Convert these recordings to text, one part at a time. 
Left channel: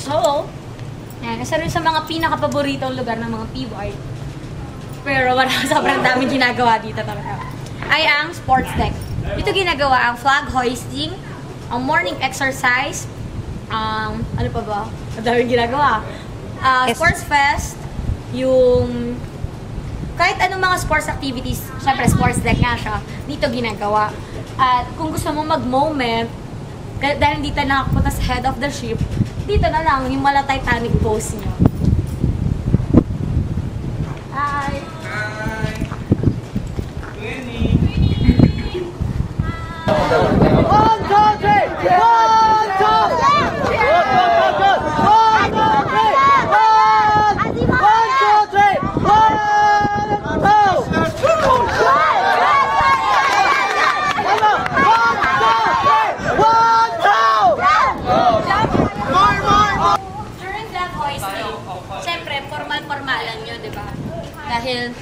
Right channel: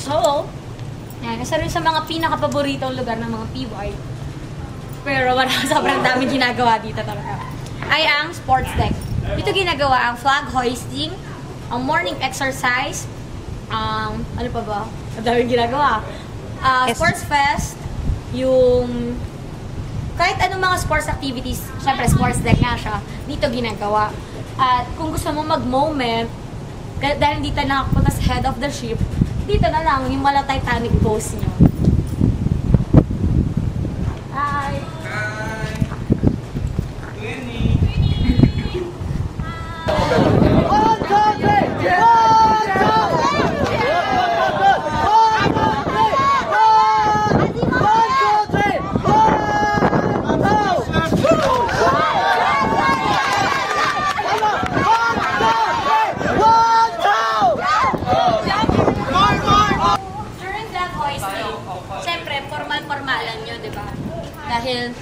So, yan, isa rin sa mga pinaka-paboritong lugar ng mga PY. Pero sobrang daming ginagawa dito talaga. Ay ang sports deck. Dito ginagawa ang flag hoisting, ang morning exercise, ano pa ba? Ang daming ginagawa. Sports fest, yung kahit anong mga sports activities, syempre sports deck nga siya, dito ginagawa. At kung gusto mo mag-moment, dahil dito nakapunta sa head of the ship, dito na lang yung mala Titanic pose nyo. Hi! Hi! Winnie! One, two, three! One, two! Formal-formalan nyo, di ba? Dahil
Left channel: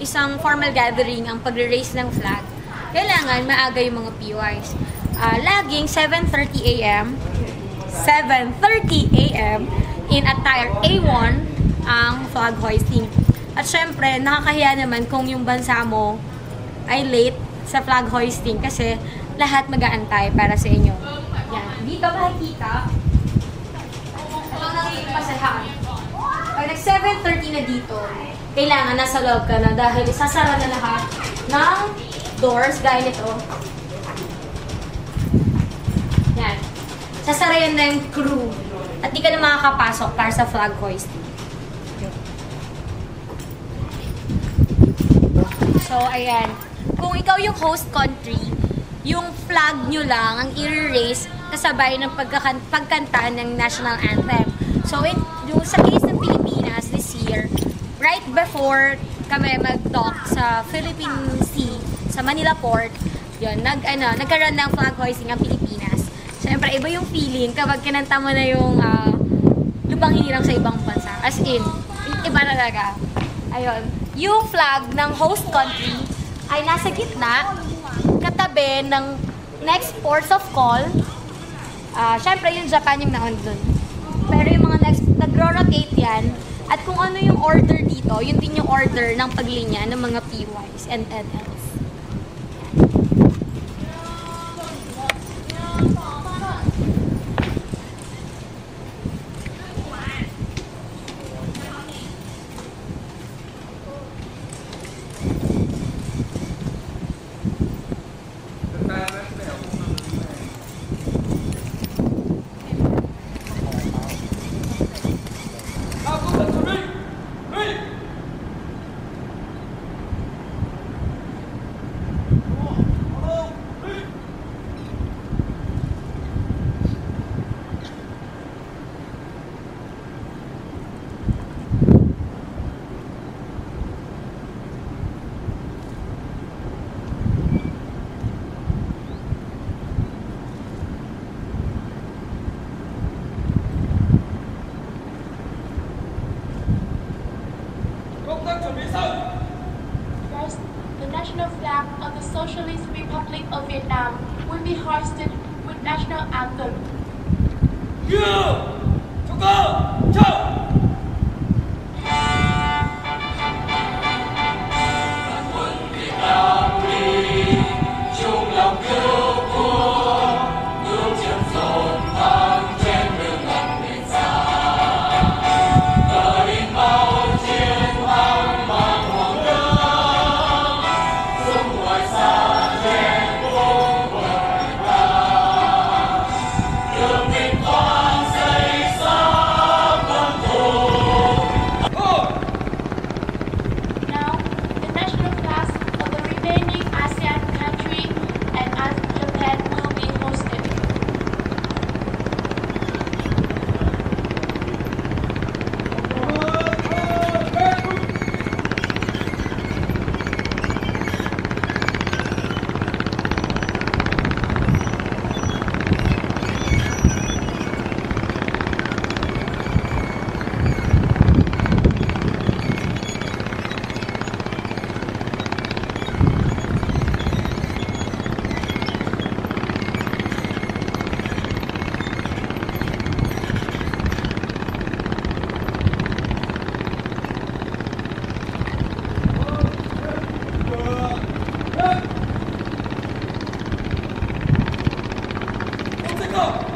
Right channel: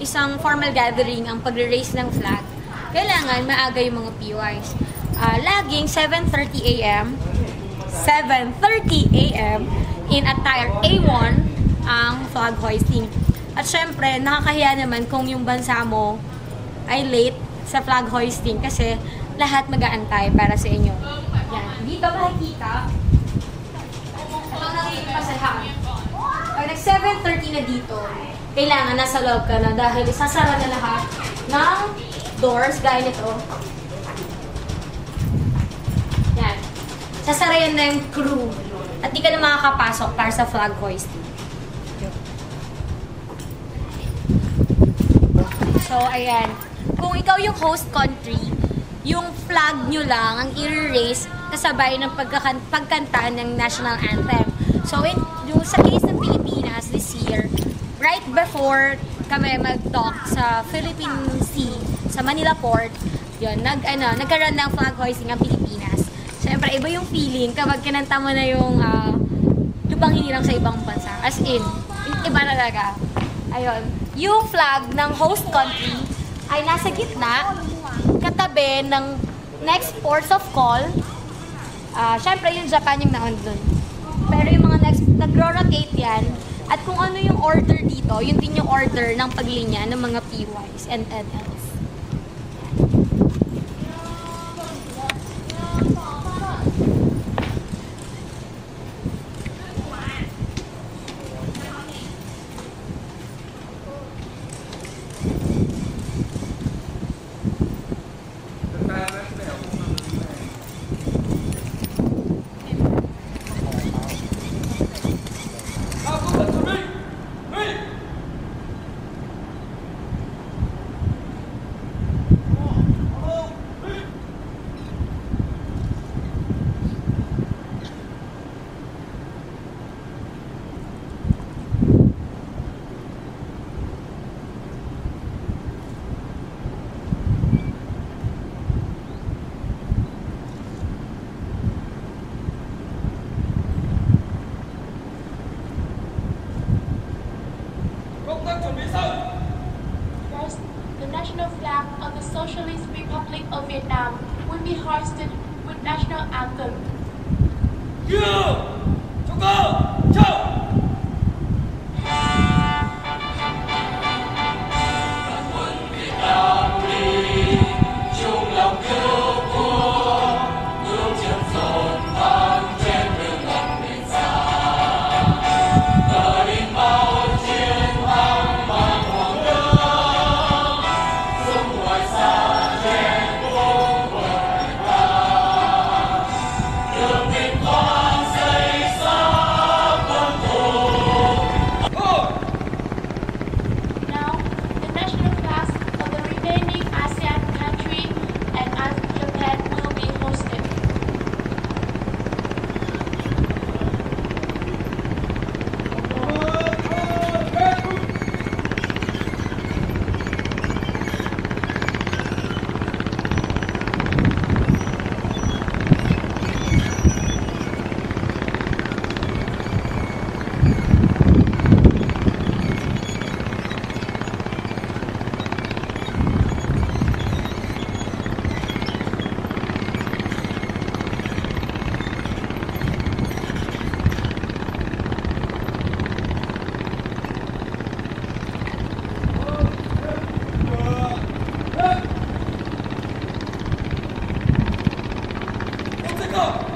isang formal gathering ang pagre-raise ng flag, kailangan maaga yung mga PYs. Laging 7:30 a.m. In attire A1 ang flag hoisting. At syempre, nakakahiya naman kung yung bansa mo ay late sa flag hoisting kasi lahat mag-aantay para sa inyo. Yan. Dito makikita ang nagiging pasahan. Pag nag-7:30 na dito, kailangan nasa loob ka na dahil isasara na lahat ng doors gaya nito. Yan. Sasara yan na yung crew. At di ka na makakapasok para sa flag hoisting. So, ayan. Kung ikaw yung host country, yung flag nyo lang ang i-raise kasabay ng pagkanta ng national anthem. So, yung sa case ng Pilipinas this year, right before kami mag-dock sa Philippine Sea, sa Manila Port, yun, nagkaroon ng flag hoisting ang Pilipinas. Siyempre, iba yung feeling kapag kinanta mo na yung lupang hinirang sa ibang bansa. As in, iba na talaga. Ayun. Yung flag ng host country ay nasa gitna, katabi ng next ports of call. Siyempre, yung Japan yung naon dun. Pero yung mga next, nagro-rotate yan. At kung ano yung order dito, yun din yung order ng paglinya ng mga PYs and NLs. First, the national flag of the Socialist Republic of Vietnam will be hoisted with national anthem. Mexico!